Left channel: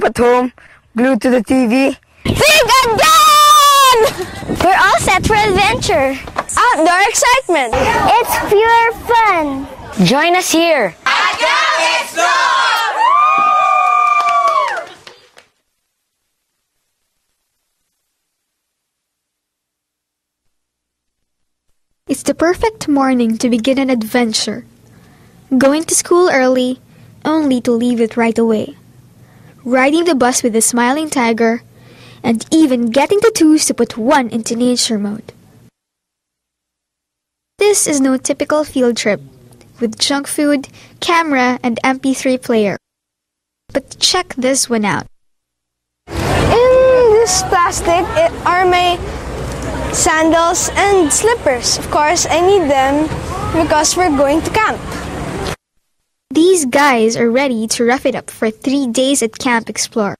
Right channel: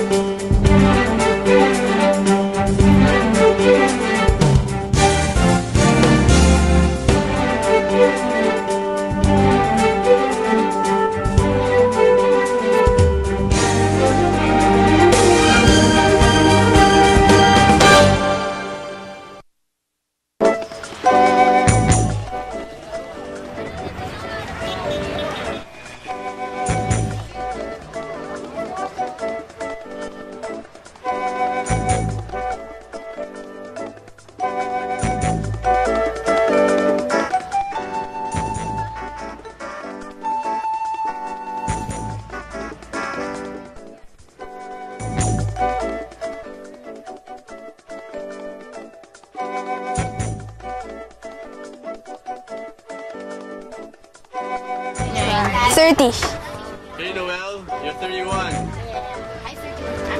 up at home, glued to the TV. Think again! We're all set for adventure. Outdoor excitement. It's pure fun. Join us here. It's the perfect morning to begin an adventure. Going to school early, only to leave it right away. Riding the bus with the smiling tiger, and even getting the twos to put one into nature mode. This is no typical field trip, with junk food, camera, and MP3 player. But check this one out. In this plastic are my sandals and slippers. Of course, I need them because we're going to camp. 30. These guys are ready to rough it up for 3 days at Camp Explore.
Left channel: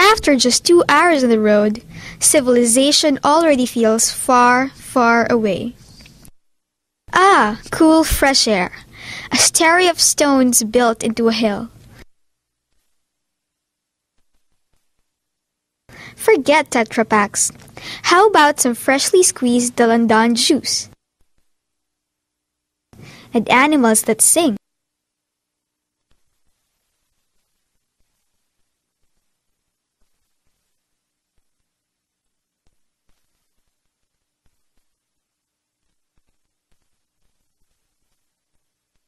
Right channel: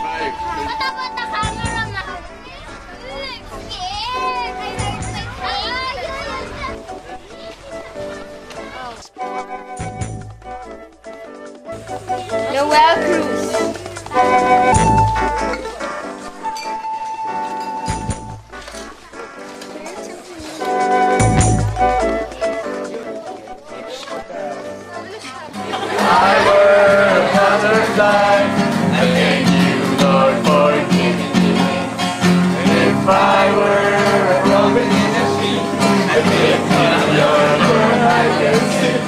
After just 2 hours on the road, civilization already feels far, far away. Ah, cool fresh air. A stairway of stones built into a hill. Noel Cruz. Forget Tetra Paks. How about some freshly squeezed Dalandan juice? And animals that sing. I were a butterfly, and then you, Lord, forgive me. And if I were a robin in the sea, I'd make your life sing.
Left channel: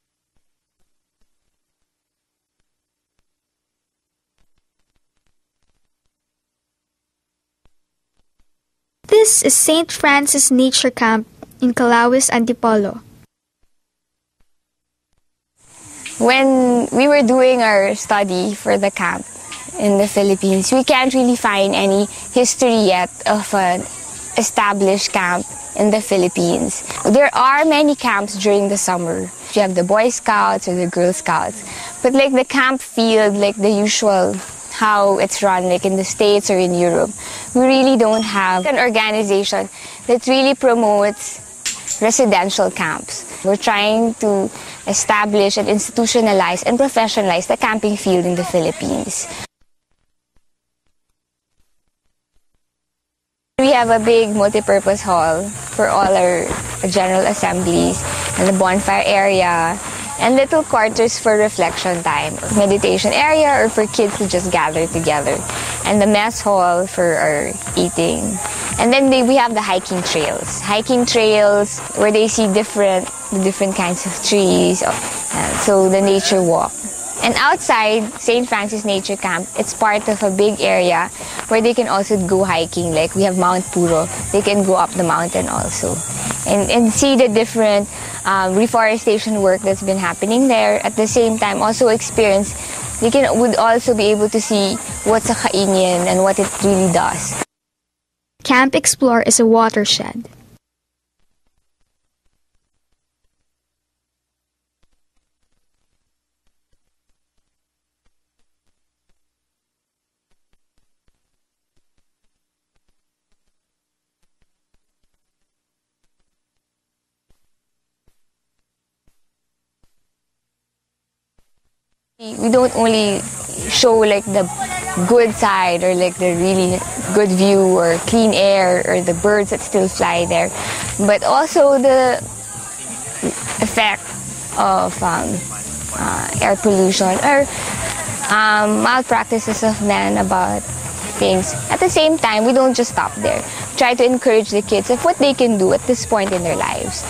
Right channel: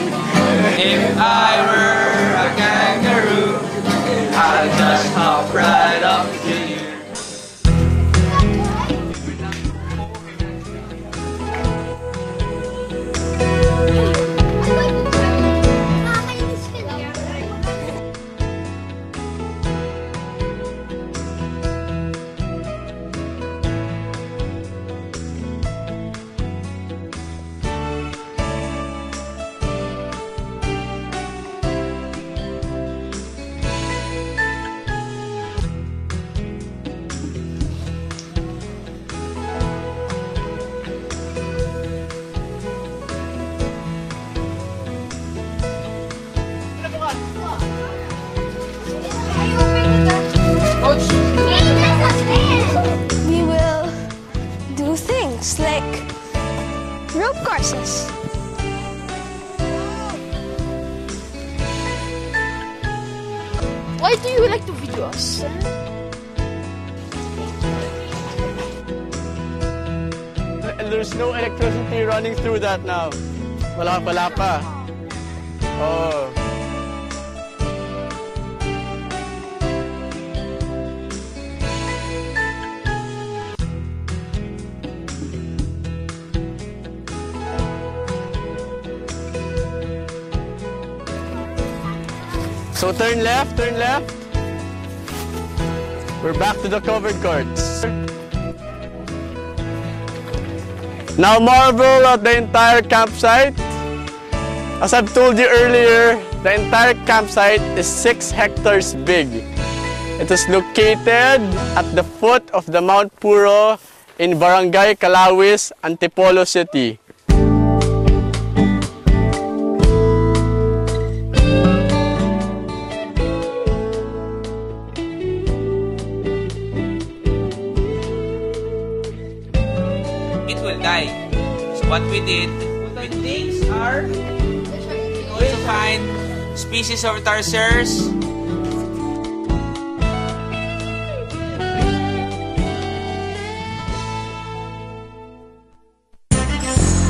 If I were a kangaroo, I'd just hop right up to you. This is St. Francis Nature Camp in Calawis, Antipolo. When we were doing our study for the camp in the Philippines, we can't really find any history yet of an established camp in the Philippines. There are many camps during the summer. You have the Boy Scouts or the Girl Scouts. But like the camp field, like the usual, how it's run like in the States or in Europe, we really don't have an organization that really promotes residential camps. We're trying to establish and institutionalize and professionalize the camping field in the Philippines. We have a big multi-purpose hall for all our general assemblies, and the bonfire area, and little quarters for reflection time, meditation area, or for kids to just gather together, and the mess hall for our eating. And then we have the hiking trails where they see different kinds of trees, so the nature walk. And outside St. Francis Nature Camp, it's part of a big area where they can also go hiking. Like we have Mount Puro, they can go up the mountain also. And see the different reforestation work that's been happening there. At the same time, also experience, they would also be able to see what's a kainin and what it really does. Camp Explore is a watershed. Now marvel at the entire campsite. As I've told you earlier, the entire campsite is 6 hectares big. It is located at the foot of the Mount Puro in Barangay Calawis, Antipolo City. We don't only show like the good side or like the really good view or clean air or the birds that still fly there, but also the effect of air pollution or malpractices of man about things. At the same time, we don't just stop there. Try to encourage the kids of what they can do at this point in their lives.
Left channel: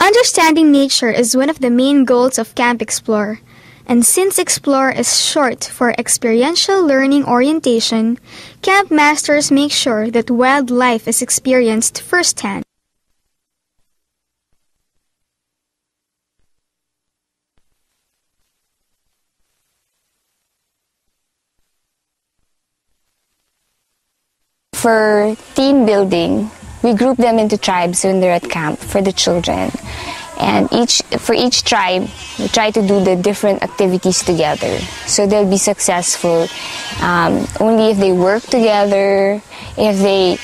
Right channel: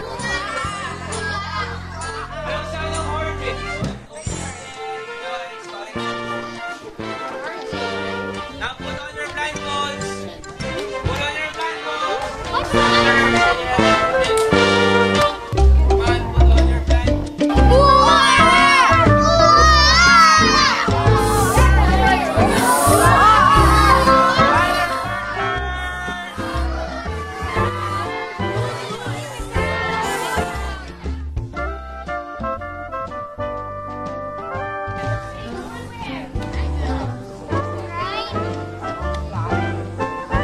Understanding nature is one of the main goals of Camp Explore. And since Explore is short for experiential learning orientation, camp masters make sure that wildlife is experienced firsthand. For team building, we group them into tribes when they're at camp for the children. And for each tribe, we try to do the different activities together. So they'll be successful only if they work together, if they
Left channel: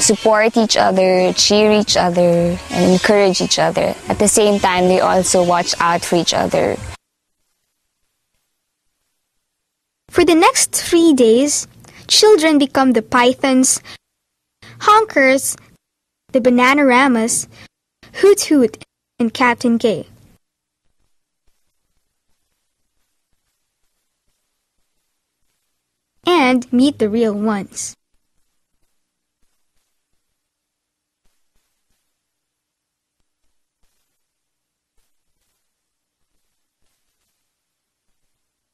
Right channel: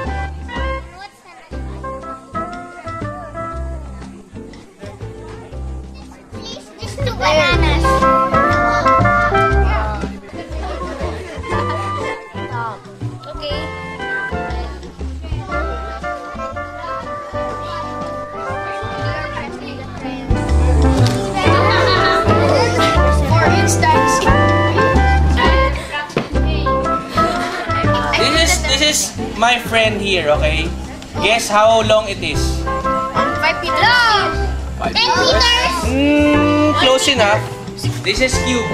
support each other, cheer each other, and encourage each other. At the same time, they also watch out for each other. For the next 3 days, children become the pythons, honkers, the bananaramas, Hoot Hoot, and Captain K. And meet the real ones. This is my friend here, okay? Guess how long it is? 5 meters long. 10 meters. Close enough. This is Cube.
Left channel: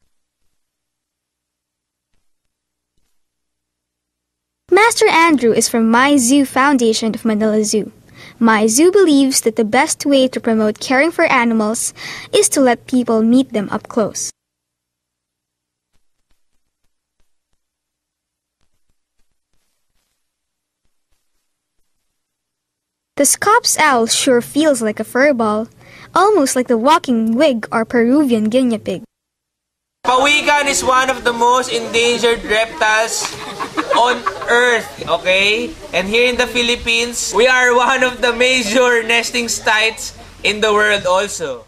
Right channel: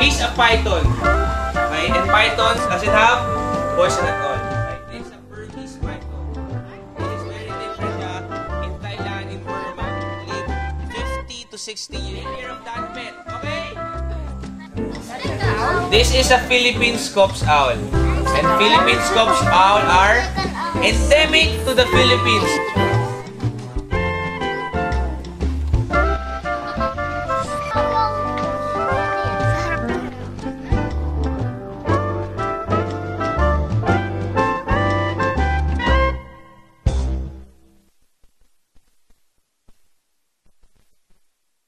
He's a python. Okay? And pythons doesn't have poison at all. Master Andrew is from My Zoo Foundation of Manila Zoo. My Zoo believes that the best way to promote caring for animals is to let people meet them up close. This is a Philippine Scops owl. And Philippine Scops owl are endemic to the Philippines. The Scops owl sure feels like a fur ball, almost like the walking wig or Peruvian guinea pig. Pawikan is one of the most endangered reptiles on Earth, okay? And here in the Philippines, we are one of the major nesting sites in the world also.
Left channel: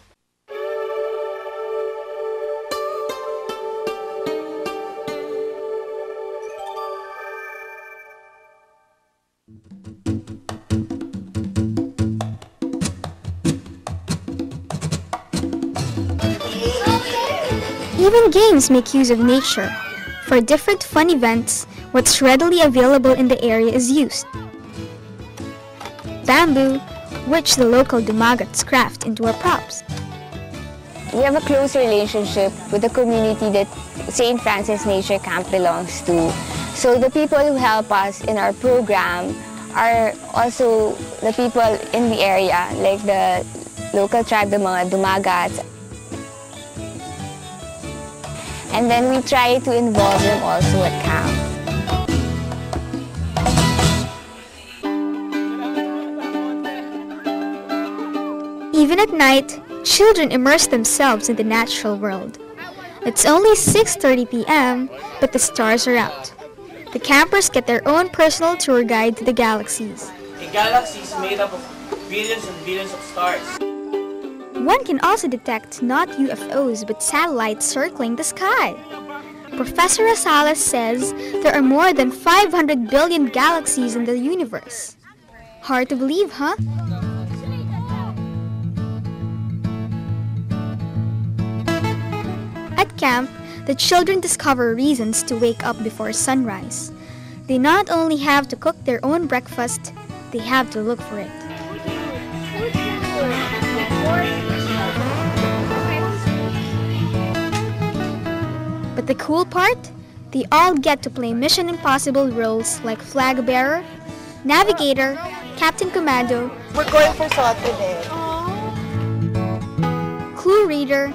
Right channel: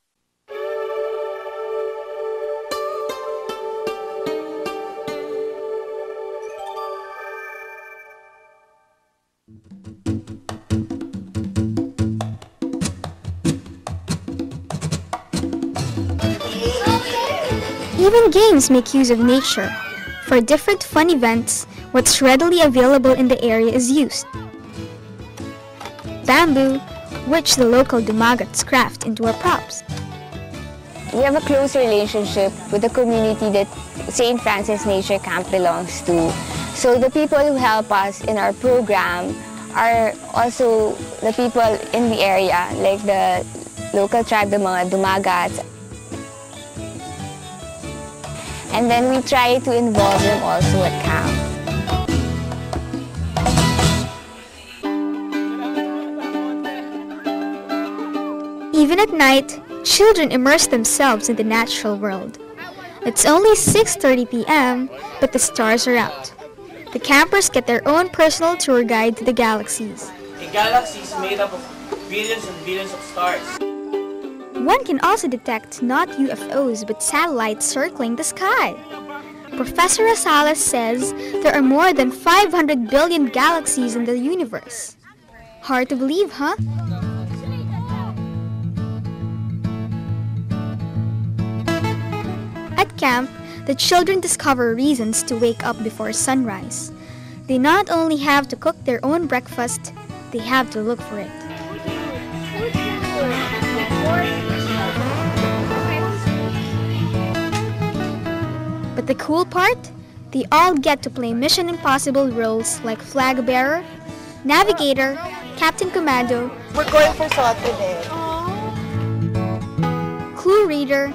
Even games make use of nature. For different fun events, what's readily available in the area is used. Bamboo, which the local dumagats craft into our props. We have a close relationship with the community that St. Francis Nature Camp belongs to. So the people who help us in our program are also the people in the area, like the local tribe, the mga dumagats. And then we try to involve them also at camp. Even at night, children immerse themselves in the natural world. It's only 6:30 p.m., but the stars are out. The campers get their own personal tour guide to the galaxies. A galaxy is made up of billions and billions of stars. One can also detect not UFOs but satellites circling the sky. Professor Rosales says there are more than 500 billion galaxies in the universe. Hard to believe, huh? At camp, the children discover reasons to wake up before sunrise. They not only have to cook their own breakfast, they have to look for it. But the cool part? They all get to play Mission Impossible roles like flag bearer, navigator, captain commando, We're going for SWAT today. clue reader,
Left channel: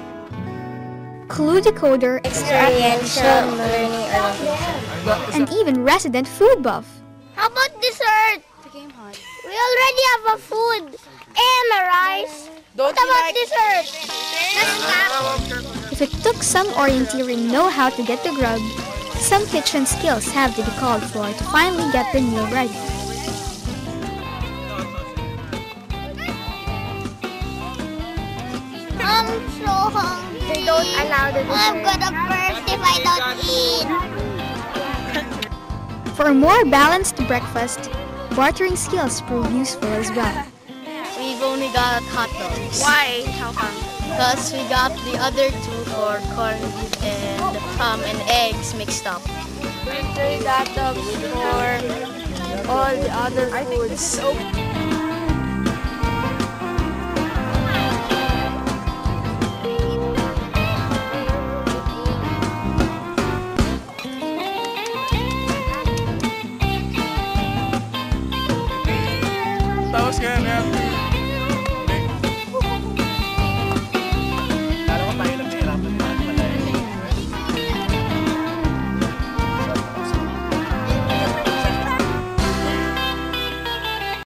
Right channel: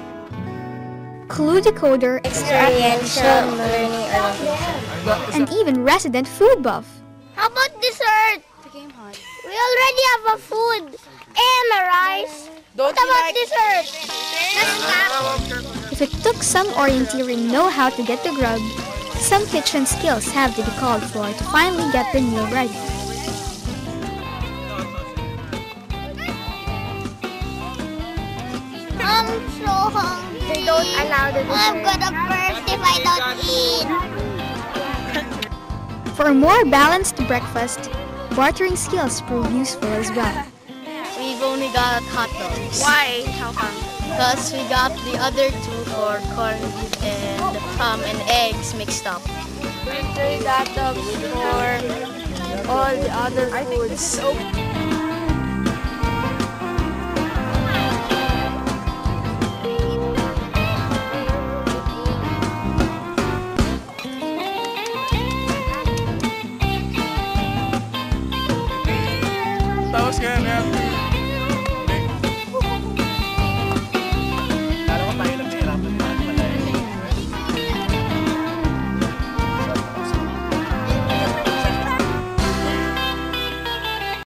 clue decoder, Experiential learning. and even resident food buff. How about dessert? We already have a food and a rice. Don't What about dessert? If it took some orienteering know-how to get the grub, some kitchen skills have to be called for to finally get the meal ready. I'm so hungry. They don't allow the dessert. I'm gonna burst if I don't eat. For a more balanced breakfast, bartering skills prove useful as well. We've only got hot dogs. Why? How come? Because we got the other two for corned beef and eggs mixed up. We trade hot dogs for all the other foods.